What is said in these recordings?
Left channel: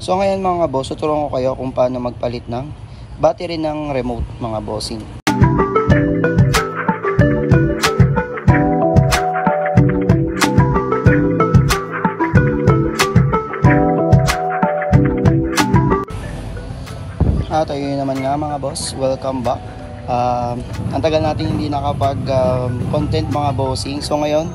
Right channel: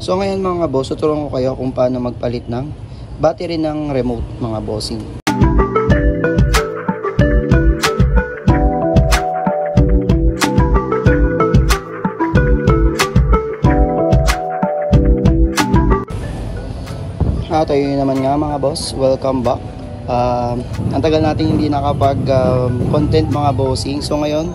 So ngayon mga boss, tuturuan ko kayo kung paano magpalit ng battery ng remote mga bossing. Tayo naman nga mga boss, welcome back. Ang tagal natin hindi nakapag content mga bossing. So ngayon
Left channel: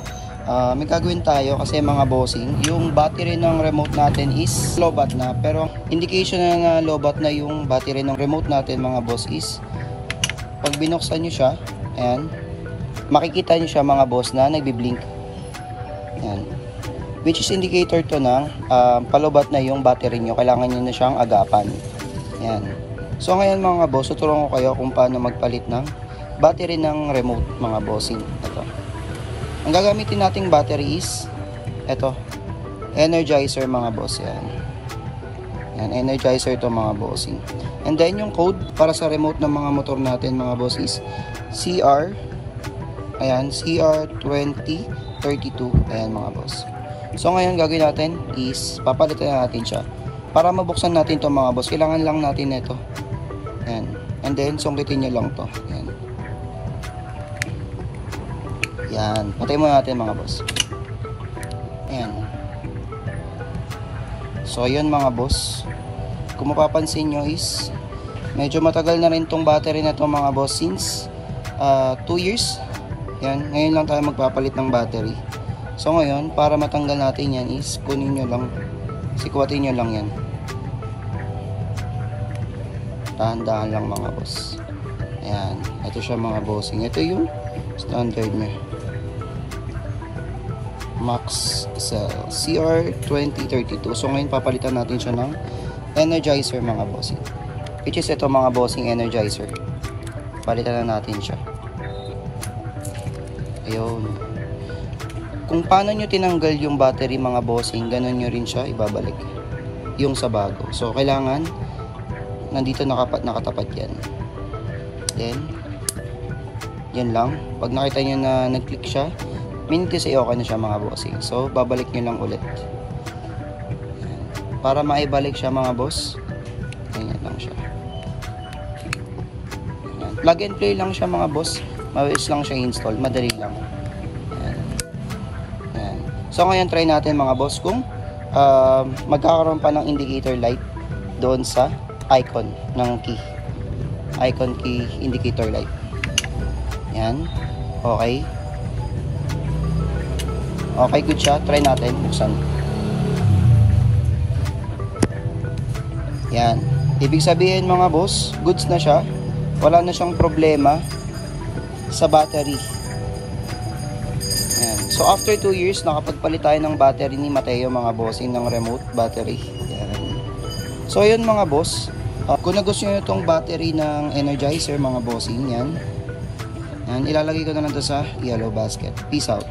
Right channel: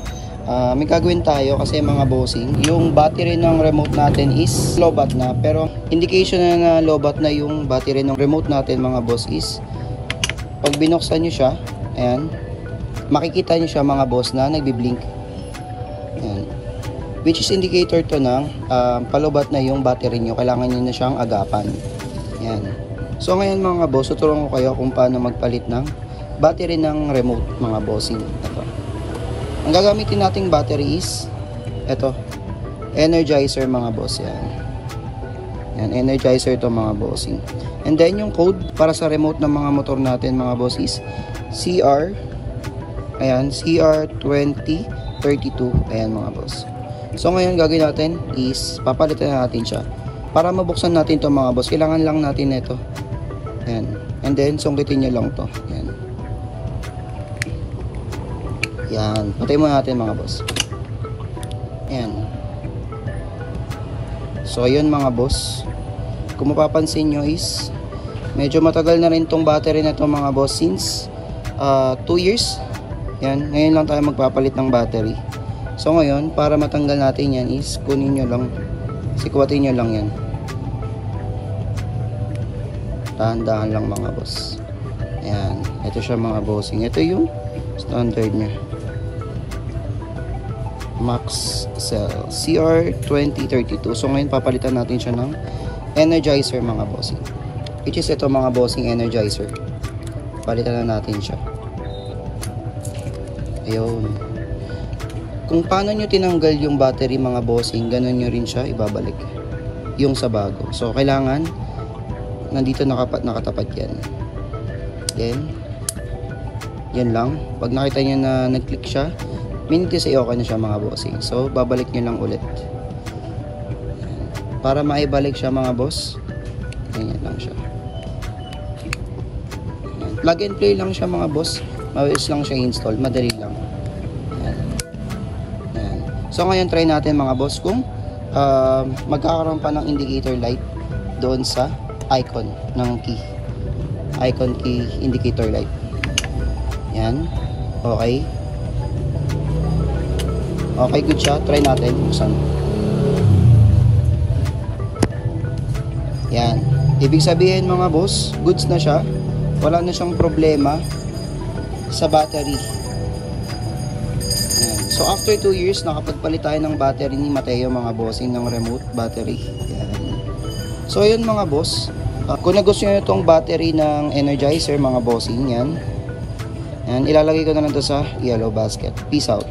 may gagawin tayo kasi mga bossing, yung battery ng remote natin is low-bat na, pero indication na low-bat na yung battery ng remote natin mga boss is pag binuksan nyo siya, ayan, makikita nyo siya mga boss na nagbi-blink, ayan, which is indicator to ng palobat na yung battery nyo, kailangan nyo na siyang agapan. Ayan. So ngayon mga boss, tuturuan ko kayo kung paano magpalit ng battery ng remote mga bossing. Ito. Ang gagamitin nating battery is ito, Energizer mga boss. Yan, Energizer to mga bossing. And then yung code para sa remote ng mga motor natin mga boss is CR, ayan, CR2032. Ayan mga boss. So ngayon gagawin natin is papalitan natin siya. Para mabuksan natin to mga boss, kailangan lang natin ito. Ayan. And then sungkitin nyo lang to. Ayan. Yan, patay mo natin mga boss. Ayan. So ayun mga boss, kung mapapansin nyo is medyo matagal na rin tong battery na to mga boss, since 2 years. Ayan, ngayon lang tayo magpapalit ng battery. So ngayon, para matanggal natin yan is kunin nyo lang, sikuwatin nyo lang yan. Dahan-dahan lang mga boss. Ayan, ito siya mga bossing. Ito yung standard nya, Max Cell CR2032. So ngayon papalitan natin siya ng Energizer mga bossing, which is ito mga bossing, Energizer. Palitan na natin siya. Ayun. Kung paano nyo tinanggal yung battery mga bossing, ganun nyo rin siya ibabalik yung sa bago. So kailangan nandito nakatapat yan. Then yan lang. Pag nakita nyo na nag-click siya, minute sa okay na siya mga bossing. So babalik nyo lang ulit. Yan. Para maibalik siya mga boss, ganyan lang siya. Yan. Plug and play lang siya mga boss. Mabilis lang siya install, madali lang. Yan. Yan. So ngayon try natin mga boss kung magkakaroon pa ng indicator light doon sa icon ng key, icon key indicator light. Yan, okay, good siya. Try natin buksan. Yan, ibig sabihin mga boss, goods na siya, wala na siyang problema sa battery. Yan. So after 2 years nakapagpalit tayo ng battery ni Mateo mga bossing, ng remote battery. Yan. So yun mga boss, kung nagustuhan nyo itong battery ng Energizer mga bossing, yan, ilalagay ko na lang ito sa yellow basket. Peace out.